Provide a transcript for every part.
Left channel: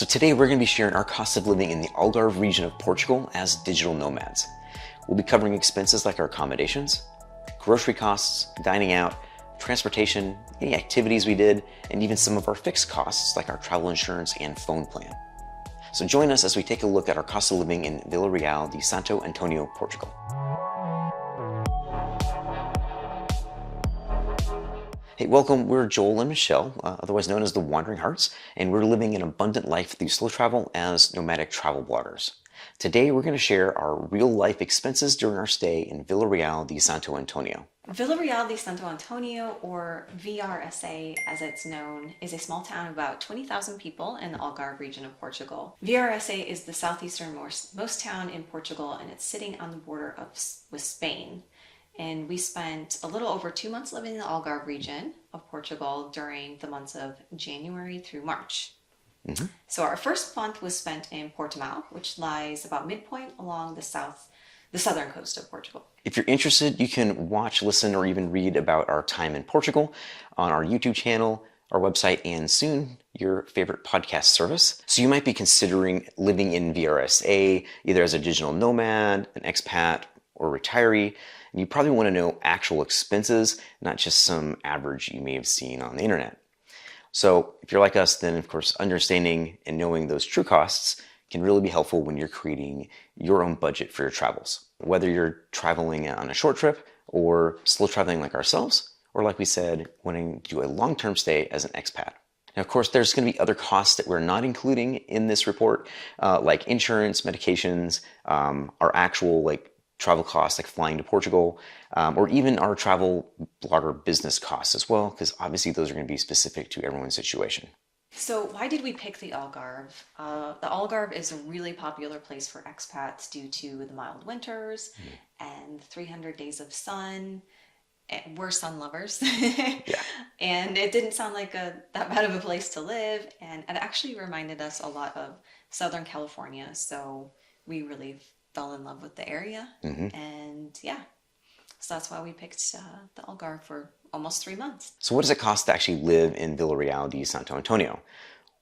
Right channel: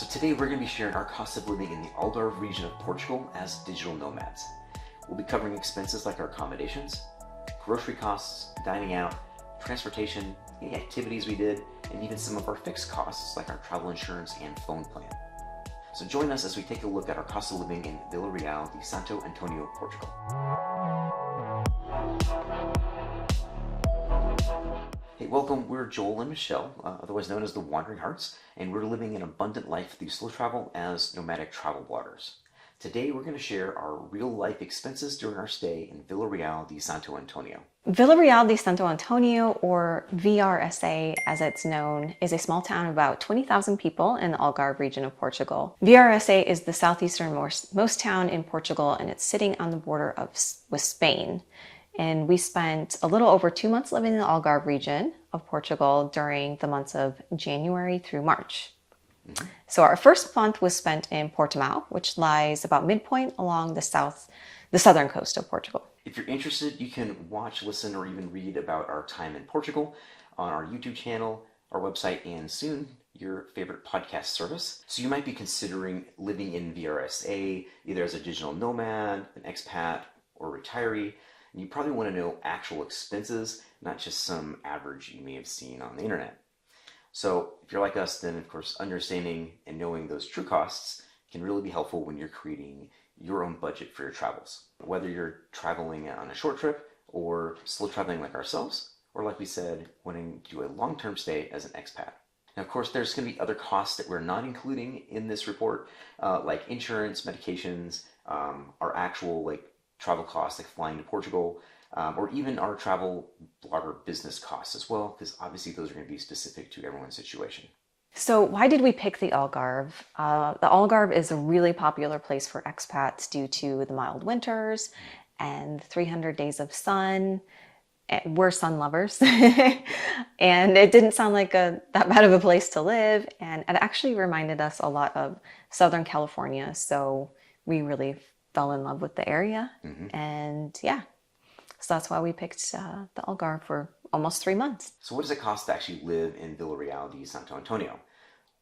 So today we're going to be sharing our cost of living in the Algarve region of Portugal as digital nomads. We'll be covering expenses like our accommodations, grocery costs, dining out, transportation, any activities we did, and even some of our fixed costs like our travel insurance and phone plan. So join us as we take a look at our cost of living in Vila de Santo, Antônio, Portugal. Hey, welcome. We're Joel and Michelle, otherwise known as the Wandering Hartz, and we're living an abundant life through slow travel as nomadic travel bloggers. Today, we're going to share our real-life expenses during our stay in Vila de Santo Antônio. Vila de Santo Antônio, or VRSA as it's known, is a small town of about 20,000 people in the Algarve region of Portugal. VRSA is the southeasternmost town in Portugal, and it's sitting on the border with Spain. And we spent a little over 2 months living in the Algarve region of Portugal during the months of January through March. So our first month was spent in Portimao, which lies about midpoint along the southern coast of Portugal. If you're interested, you can watch, listen, or even read about our time in Portugal on our YouTube channel, our website, and soon your favorite podcast service. So you might be considering living in VRSA, either as a digital nomad, an expat, or retiree. And you probably want to know actual expenses, not just some average you may have seen on the internet. So if you're like us, then of course, understanding and knowing those true costs can really be helpful when you're creating your own budget for your travels. Whether you're traveling on a short trip or slow traveling like ourselves, or like we said, wanting to do a long-term stay as an expat. Now, of course, there's going to be other costs that we're not including in this report, like insurance, medications, our actual travel costs like flying to Portugal, or even our travel blogger business costs as well, because obviously those are going to be specific to everyone's situation. So why did we pick the Algarve? The Algarve is a really popular place for expats due to the mild winters and 300 days of sun. We're sun lovers. And it didn't sound like that bad of a place to live. And it actually reminded us a lot of Southern California. So we really fell in love with the area. And yeah, so that's why we picked the Algarve for almost 3 months. So what does it cost to actually live in Vila de Santo Antônio?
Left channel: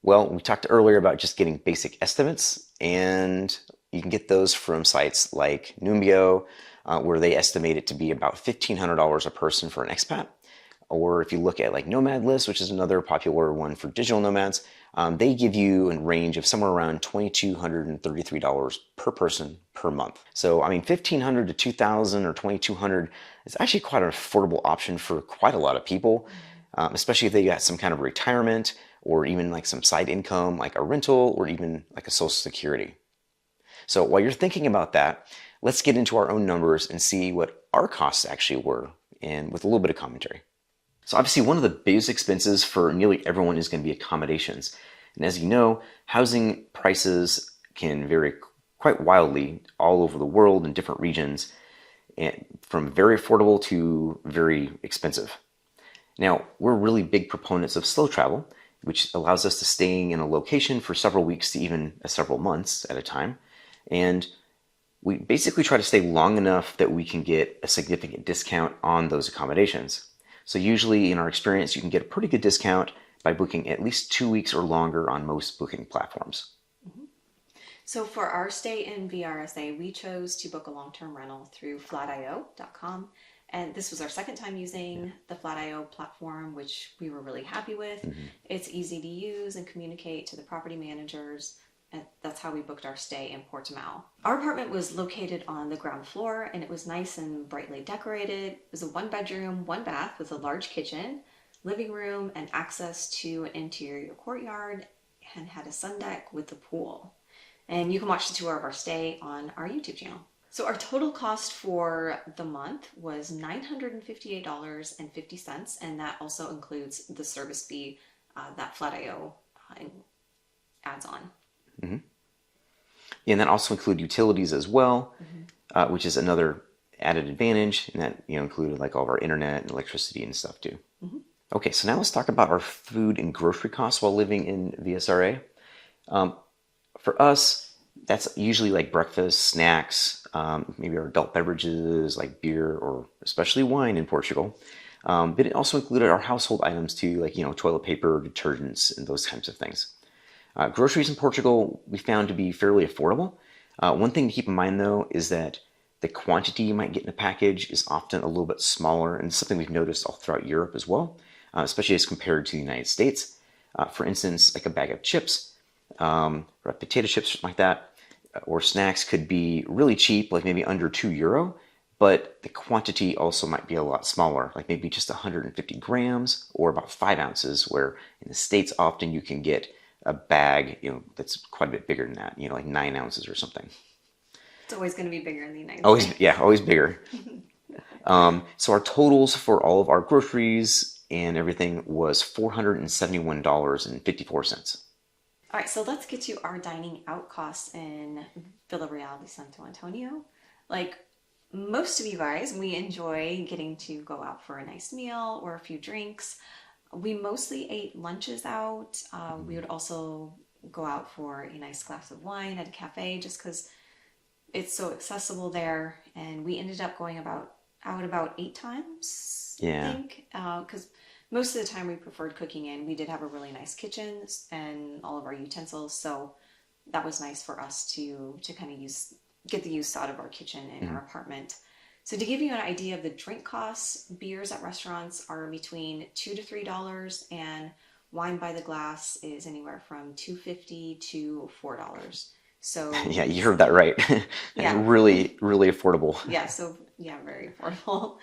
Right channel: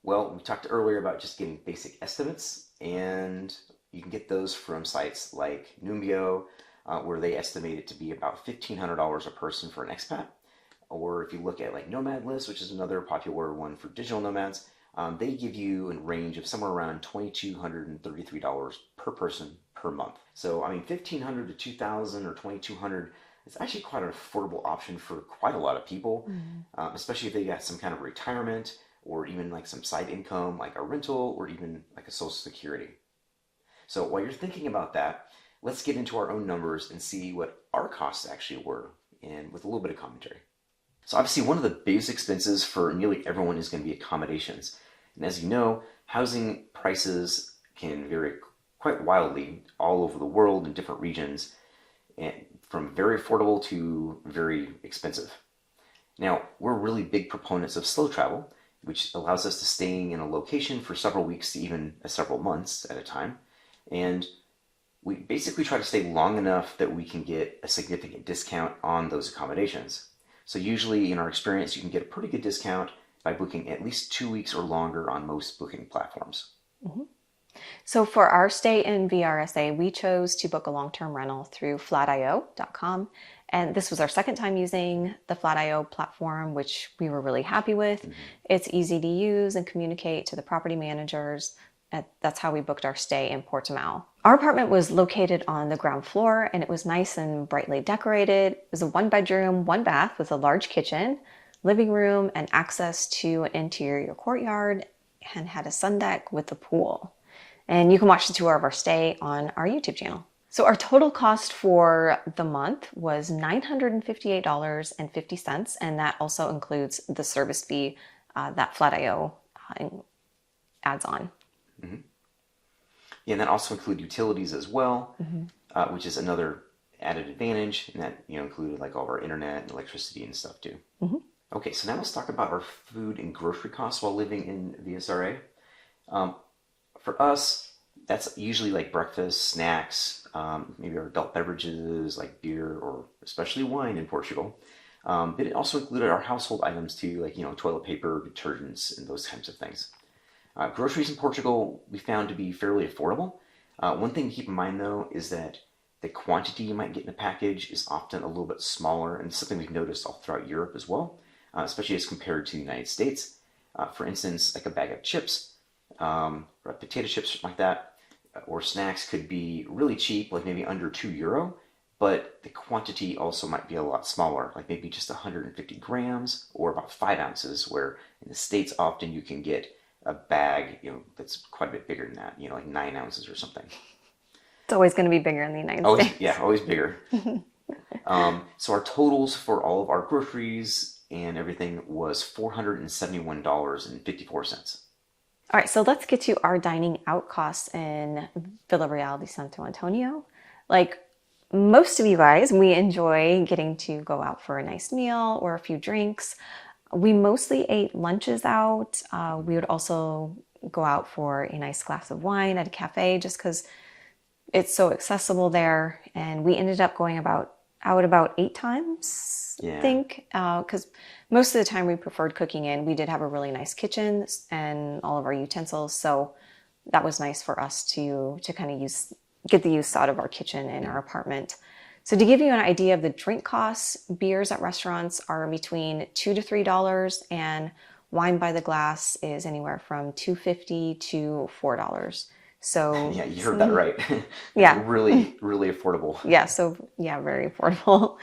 Well, we talked earlier about just getting basic estimates, and you can get those from sites like Numbeo, where they estimate it to be about $1,500 a person for an expat. Or if you look at like Nomad List, which is another popular one for digital nomads, they give you a range of somewhere around $2,233 per person per month. So, I mean, $1,500 to $2,000 or $2,200 is actually quite an affordable option for quite a lot of people, especially if they got some kind of retirement or even like some side income, like a rental or even like a social security. So while you're thinking about that, let's get into our own numbers and see what our costs actually were, and with a little bit of commentary. So obviously one of the biggest expenses for nearly everyone is going to be accommodations. And as you know, housing prices can vary quite wildly all over the world in different regions, and from very affordable to very expensive. Now, we're really big proponents of slow travel, which allows us to stay in a location for several weeks to even several months at a time. And we basically try to stay long enough that we can get a significant discount on those accommodations. So usually in our experience, you can get a pretty good discount by booking at least 2 weeks or longer on most booking platforms. So for our stay in VRSA, we chose to book a long-term rental through flat.io.com. And this was our second time using the Flat.io platform, which we were really happy with. It's easy to use and communicate to the property managers. That's how we booked our stay in Portimao. Our apartment was located on the ground floor, and it was nice and brightly decorated. It was a 1-bedroom, 1-bath with a large kitchen, living room, and access to an interior courtyard, and had a sun deck with a pool. And you can watch the tour of our stay on our YouTube channel. So our total cost for the month was $958.50, and that also includes the service fee that Flat.io adds on. And that also include utilities as well, which is another added advantage, and that included like all of our internet and electricity and stuff too. Okay, so now let's talk about our food and grocery costs while living in VSRA. For us, that's usually like breakfast, snacks, maybe our adult beverages like beer or especially wine in Portugal. But it also included our household items too, like toilet paper, detergents, and those kinds of things. Groceries in Portugal we found to be fairly affordable. One thing to keep in mind though is that the quantity you might get in a package is often a little bit smaller, and it's something we've noticed all throughout Europe as well, especially as compared to the United States. For instance, like a bag of chips, or potato chips, something like that, or snacks could be really cheap, like maybe under €2, but the quantity also might be a lot smaller, like maybe just 150 grams or about 5 ounces, where in the States often you can get a bag, that's quite a bit bigger than that, like 9 ounces or something. It's always going to be bigger in the United Always, States. yeah, always bigger. So our totals for all of our groceries and everything was $471.54. All right, so let's get to our dining out costs in Villarreal de Santo Antonio. Like most of you guys, we enjoy getting to go out for a nice meal or a few drinks. We mostly ate lunches out. We would also go out for a nice glass of wine at a cafe just because it's so accessible there. And we ended up going out about 8 times, I think, because most of the time we preferred cooking in. We did have a really nice kitchen and all of our utensils, so that was nice for us to kind of get the use out of our kitchen in our apartment. So to give you an idea of the drink costs, beers at restaurants are between $2 to $3, and wine by the glass is anywhere from $2.50 to $4. So yeah, you heard that right. Yeah. Really, really affordable. Yeah, very affordable.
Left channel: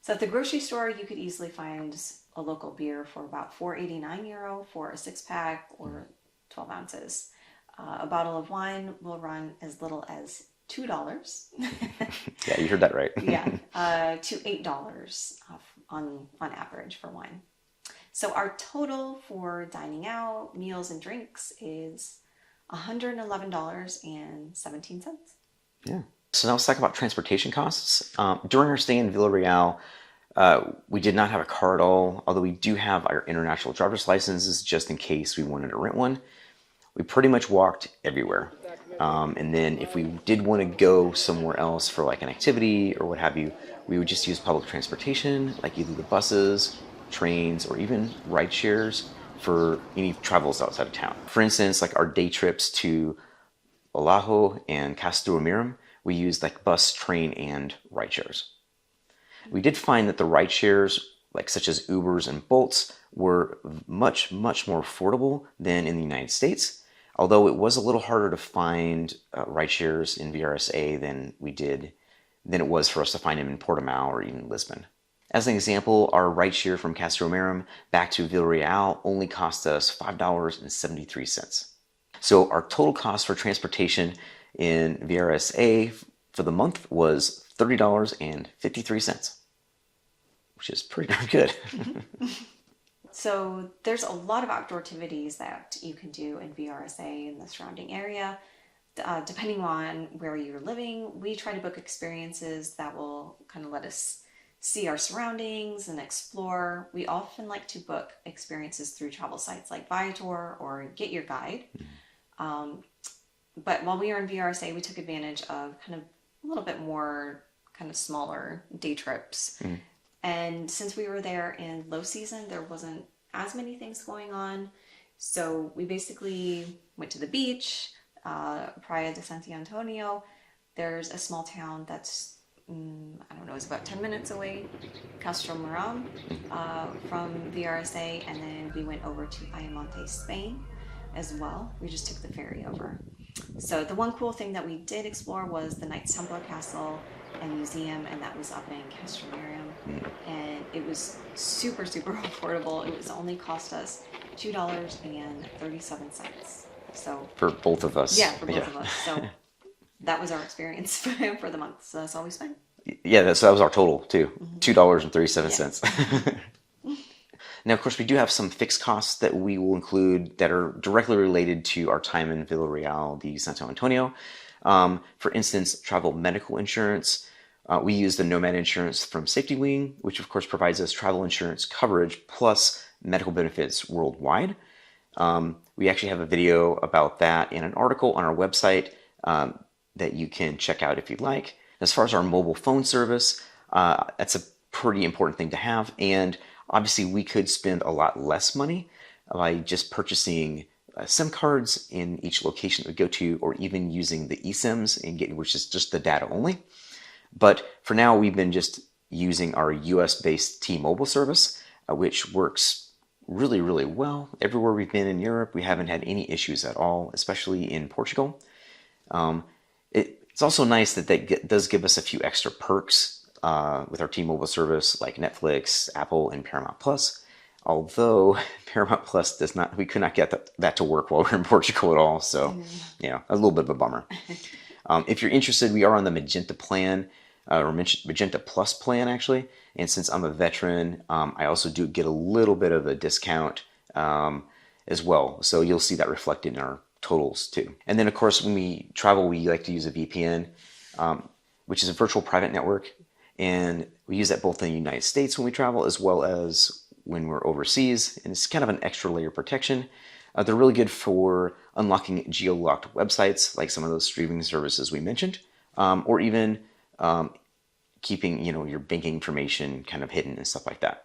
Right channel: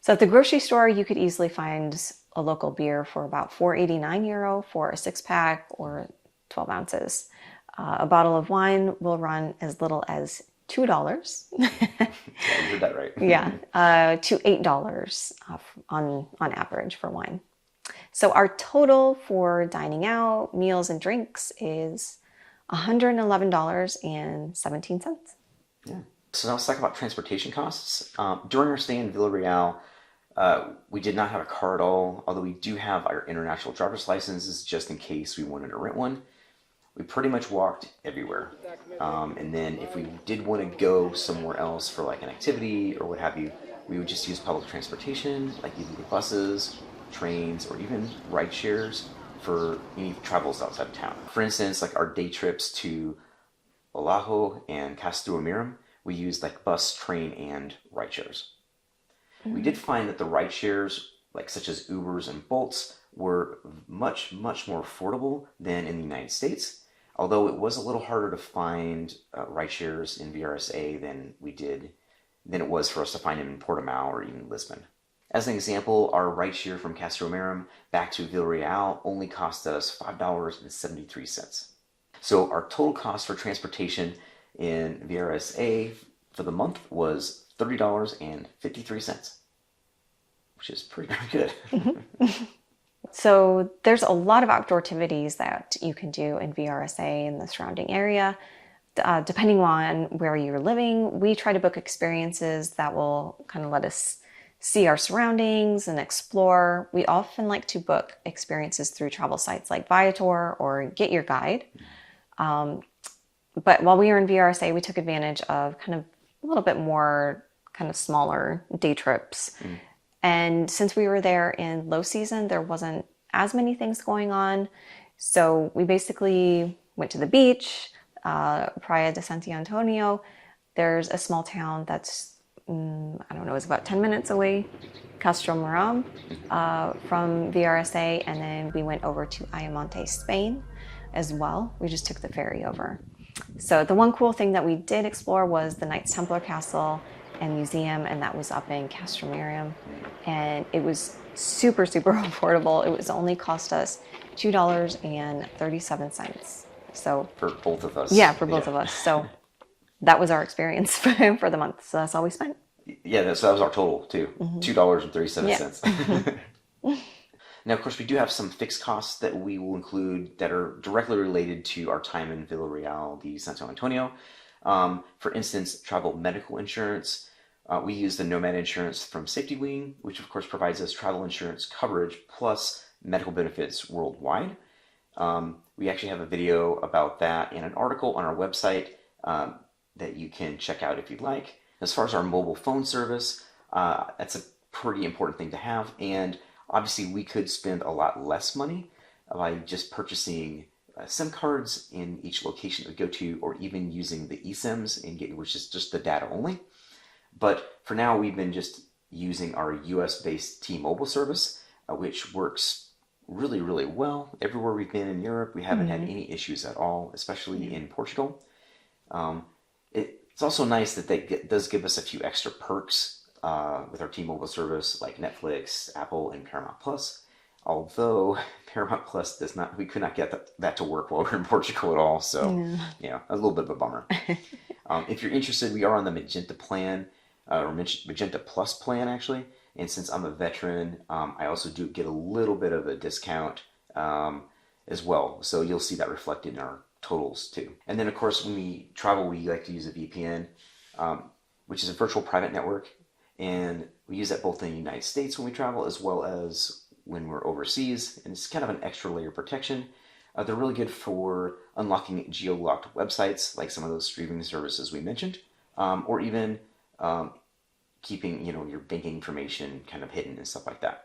So at the grocery store, you could easily find a local beer for about €4.89 for a 6-pack or 12 ounces. A bottle of wine will run as little as $2. Yeah, you heard that right. To $8 on average for wine. So our total for dining out, meals and drinks is $111.17. Yeah. So now let's talk about transportation costs. During our stay in Villarreal, we did not have a car at all, although we do have our international driver's licenses just in case we wanted to rent one. We pretty much walked everywhere. And then if we did want to go somewhere else for like an activity or what have you, we would just use public transportation, like either the buses, trains, or even ride shares for any travels outside of town. For instance, like our day trips to Olajo and Castellamirum, we used like bus, train, and ride shares. We did find that the ride shares, like such as Ubers and Bolts, were much, much more affordable than in the United States, although it was a little harder to find ride shares in VRSA than it was for us to find them in Portimao or even Lisbon. As an example, our ride share from Castellamirum back to Villarreal only cost us $5.73. So our total cost for transportation in VRSA for the month was $30.53, which is pretty darn good. So there's a lot of outdoor activities that you can do in VRSA and the surrounding area. Depending on where you're living, we try to book experiences that will kind of let us see our surroundings and explore. We often like to book experiences through travel sites like Viator or Get Your Guide. But while we were in VRSA, we took advantage of kind of a little bit more kind of smaller day trips. And since we were there in low season, there wasn't as many things going on. So we basically went to the beach, Praia de Santo Antonio. There's a small town that's, I don't know, it's about 10 minutes away, Castellamirum, from VRSA. And then we went over to Ayamonte, Spain as well. We just took the ferry over. So the one cool thing that we did explore was the Knights Templar Castle and Museum, and that was up in Castellamirum. And it was super, super affordable. It was only cost us $2.37. So for both of us. Yeah, for both of us. So that was our experience for the month. So that's all we spent. Yeah, that was our total too. $2.37. Now, of course, we do have some fixed costs that we will include that are directly related to our time in Villarreal de Santo Antonio. For instance, travel medical insurance. We use the Nomad insurance from Safety Wing, which of course provides us travel insurance coverage plus medical benefits worldwide. We actually have a video about that in an article on our website that you can check out if you'd like. As far as our mobile phone service, that's a pretty important thing to have. And obviously we could spend a lot less money by just purchasing SIM cards in each location that we go to, or even using the eSIMs, which is just the data only. But for now, we've been just using our US-based T-Mobile service, which works really, really well. Everywhere we've been in Europe, we haven't had any issues at all, especially in Portugal. It's also nice that that does give us a few extra perks with our T-Mobile service, like Netflix, Apple, and Paramount Plus. Although Paramount Plus does not, we could not get that to work while we're in Portugal at all. So, a little bit of a bummer. If you're interested, we are on the Magenta plan, or Magenta Plus plan, actually. And since I'm a veteran, I also do get a little bit of a discount as well. So you'll see that reflected in our totals too. And then, of course, when we travel, we like to use a VPN, which is a virtual private network. And we use that both in the United States when we travel, as well as when we're overseas. And it's kind of an extra layer of protection. They're really good for unlocking geo-locked websites, like some of those streaming services we mentioned, or even keeping your banking information kind of hidden and stuff like that.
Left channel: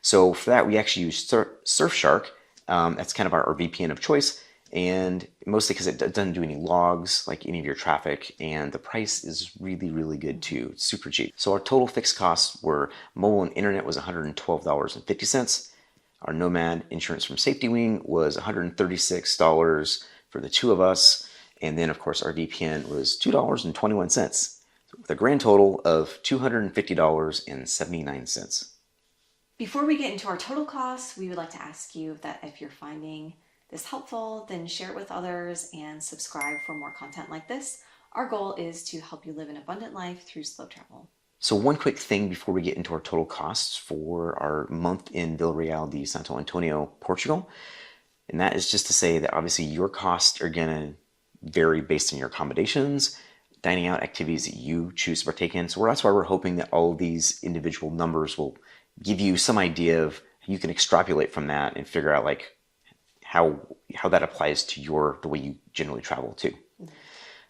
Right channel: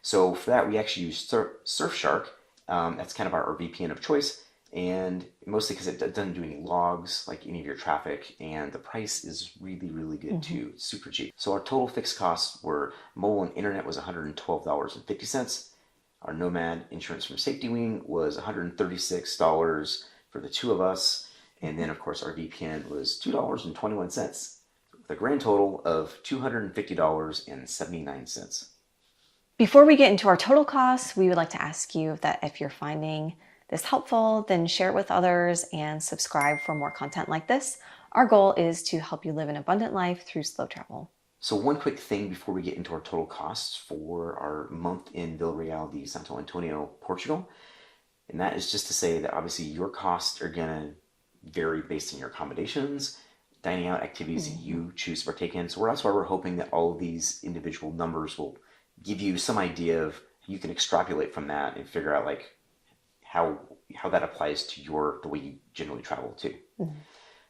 So for that, we actually use Surfshark. That's kind of our VPN of choice, and mostly because it doesn't do any logs like any of your traffic, and the price is really, really good too. It's super cheap. So our total fixed costs were mobile and internet was $112.50. Our Nomad insurance from Safety Wing was $136 for the two of us, and then of course our VPN was $2.21, with a grand total of $250.79. Before we get into our total costs, we would like to ask you that if you're finding this helpful, then share it with others and subscribe for more content like this. Our goal is to help you live an abundant life through slow travel. So one quick thing before we get into our total costs for our month in Vila de Santo Antônio, Portugal. And that is just to say that obviously your costs are going to vary based on your accommodations, dining out activities that you choose to partake in. So that's why we're hoping that all of these individual numbers will give you some idea of, you can extrapolate from that and figure out like how that applies to the way you generally travel too.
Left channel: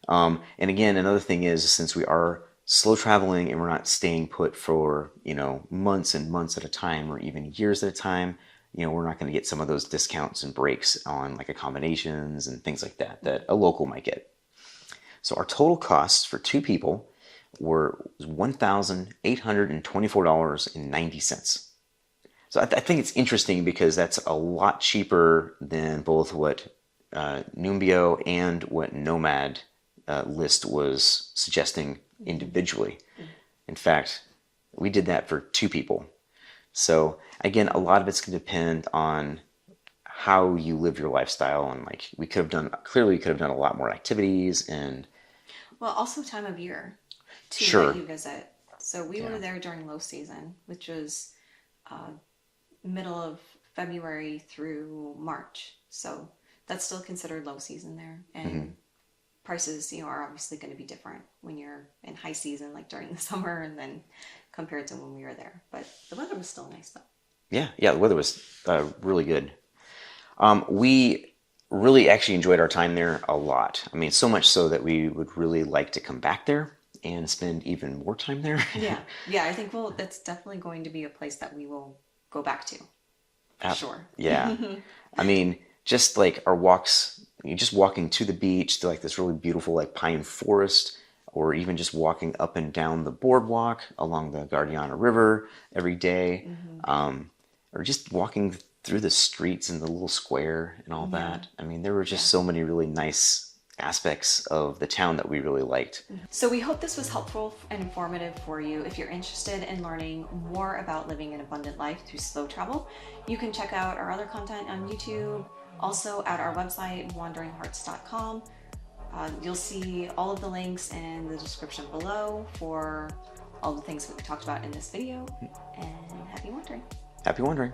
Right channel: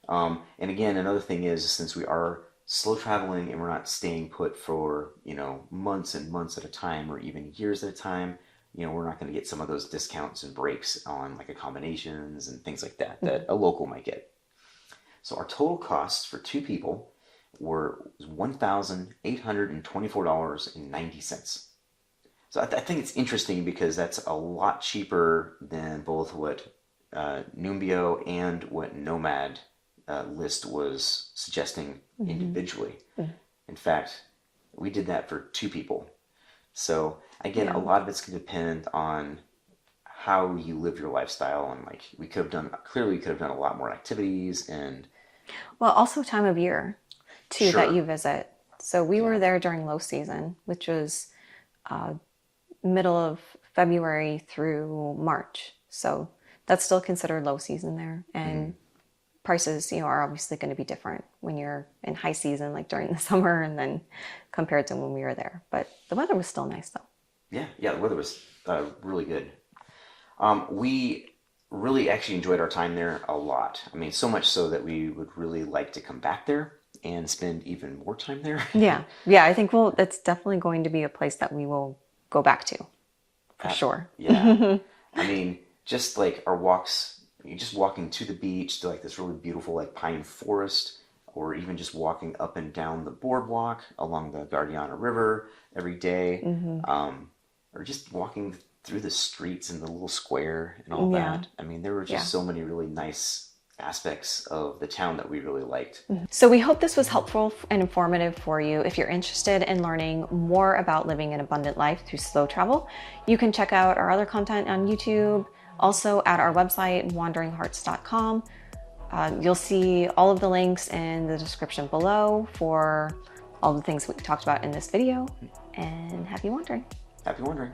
And again, another thing is, since we are slow traveling and we're not staying put for months and months at a time, or even years at a time, we're not going to get some of those discounts and breaks on like accommodations and things like that a local might get. So our total costs for two people were $1,824.90. So I think it's interesting because that's a lot cheaper than both what Numbeo and what Nomad list was suggesting individually. In fact, we did that for two people. So again, a lot of it's going to depend on how you live your lifestyle, and like we could have done a lot more activities, and also time of year too that you visit. So we were there during low season, which was middle of February through March. So that's still considered low season there, and prices, are obviously going to be different when you're in high season, like during the summer, and then compared to when we were there. But the weather was still nice, though. Yeah, the weather was really good. We really actually enjoyed our time there a lot. I mean, so much so that we would really like to come back there and spend even more time there. Yeah, I think it's definitely going to be a place that we will go back to, for sure. Yeah, I mean, just like our walks, just walking to the beach, to like this really beautiful like pine forest, or even just walking up and down the boardwalk along the Guadiana River every day, or just walking through the streets in the little square and all that. I mean, there were just so many really nice aspects of the town that we really liked. So we hope this was helpful and informative for you. If you're interested in learning more about living an abundant life through slow travel, you can check out our other content on YouTube, also at our website, wanderinghartz.com. You'll see all of the links in the description below for all the things we talked about in this video. And happy wandering. Happy wandering.